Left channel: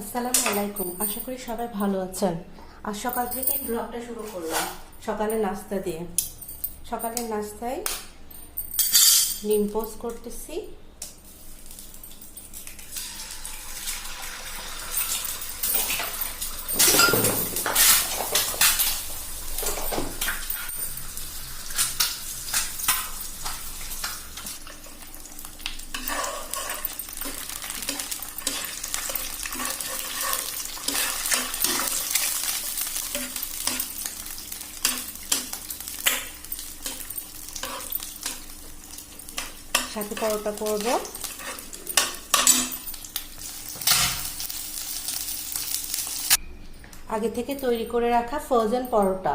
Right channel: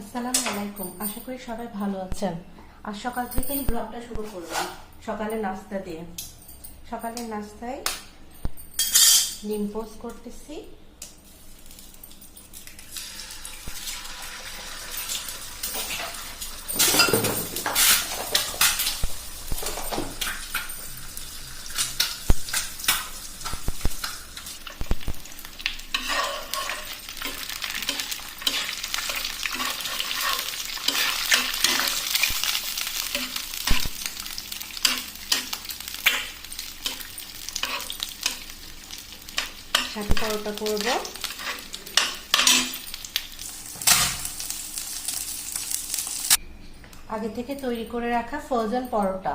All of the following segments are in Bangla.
আসসালামু আলাইকুম। আশা করি সবাই ভালো আছেন। আজ সকাল থেকেই ব্লগটা শুরু করলাম সকালে নাস্তা দিয়ে। সকালের নাস্তায় ডিম পোস্ট করতেছি। সাথে পরোটা করব। আগে থেকে তৈরি করে রাখা ফ্রোজেন পরোটা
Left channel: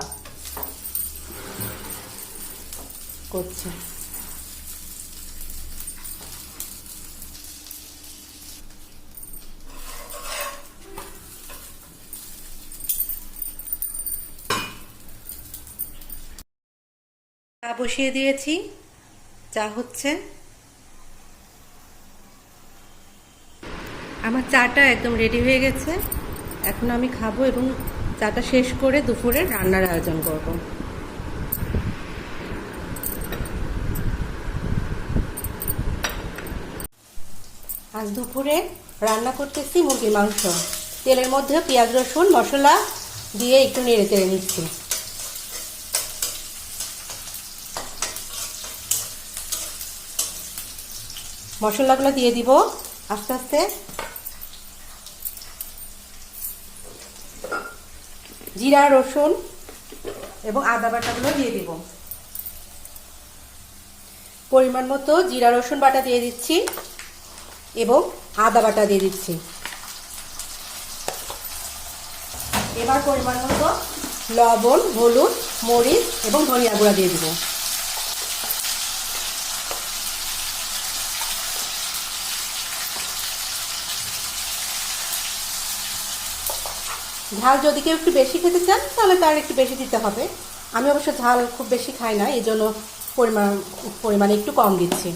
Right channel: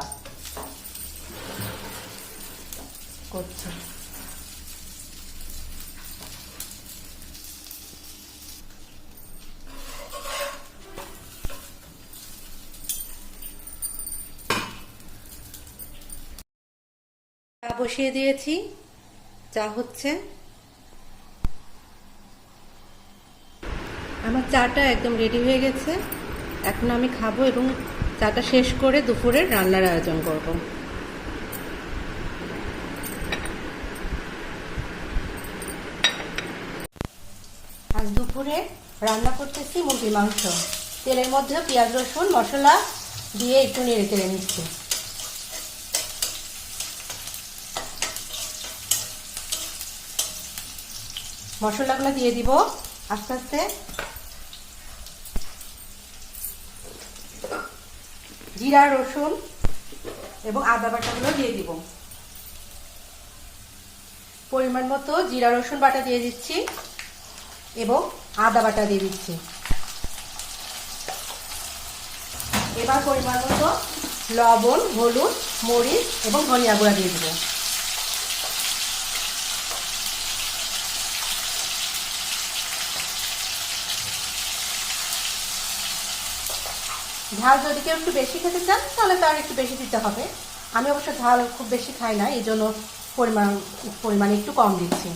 করছি। চা বসিয়ে দিয়েছি, চা হচ্ছে। আমার চাটা একদম রেডি হয়ে গেছে। এখন আমি খাবো এবং চাটা শেষ করে দুপুরের রান্নার আয়োজন করব। আজ দুপুরে রান্না করতেছি মুরগির মাংস। তেলের মধ্যে পেঁয়াজ রসুন মশলা দিয়ে একটু নেড়ে চেড়ে নিচ্ছি। মশলাগুলো দিয়ে দিব আস্তে আস্তে। জিরা রসুন এবং আদা বাটাগুলো দিয়ে দিব। পরিমাণ মতো জিরা রসুন বাটা দিয়ে দিচ্ছি এবং আদা বাটা দিয়ে দিচ্ছি। এবার পরিমাণ মতো লবণ, হলুদ, মরিচ এবং ধনিয়া গুঁড়া দিয়ে দিব। ঝাল যদি কেউ একটু বেশি খেতে চান তাহলে তার একটু বেশি দিতে হবে। আমি অবশ্য ঝাল খুব বেশি খাই না, এই জন্য পরিমাণে একটু কম দিচ্ছি।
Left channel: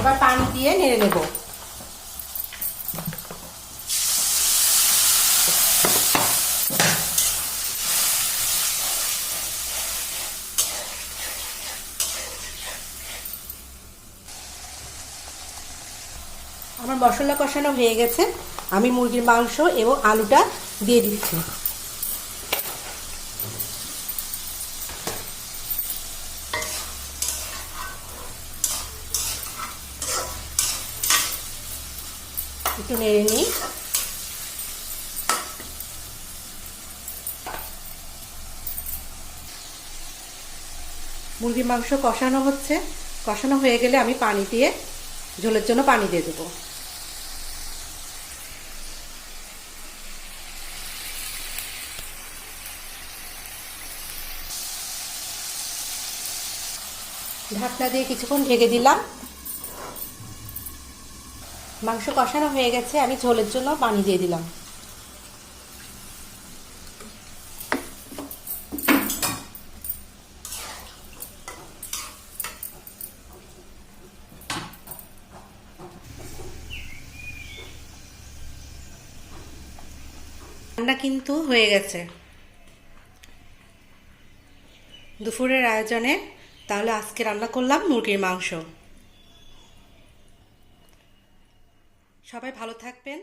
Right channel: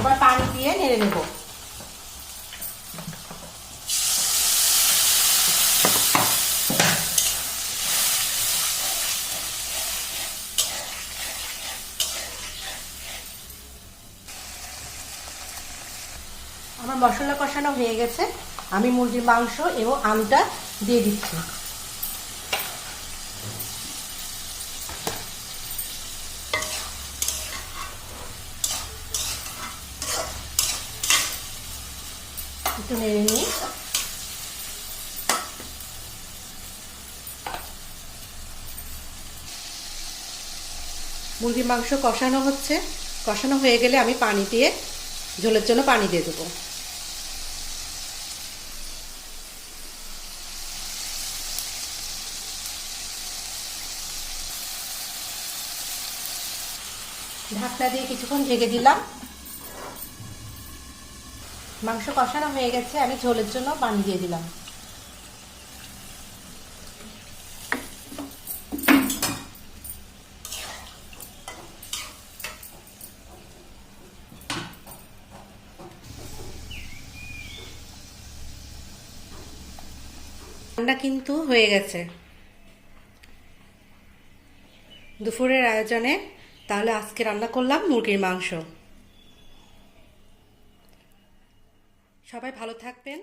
এবার পানি দিয়ে নেড়ে নেব। আমার মশলা কষানো হয়ে গেছে। আমি মুরগির মাংস এবং আলুটা দিয়ে দিচ্ছি। একটু নেড়ে নিই। মুরগির মাংস কষানো হচ্ছে। কষানো হয়ে গেলে আমি পানি দিয়ে ঝোলের জন্য পানি দিয়ে দেবো। ঢাকনা দিয়ে কিছুক্ষণ ঢেকে দিলাম। মাংস কষানো হয়ে গেছে, আমি ঝোলের জন্য পানি দিয়ে দিলাম। রান্না কিন্তু হয়ে গেছে দুপুরের আয়োজনে। তাহলে আজকে রান্না করলাম মুরগির মাংস। সবাই ভালো থাকবেন।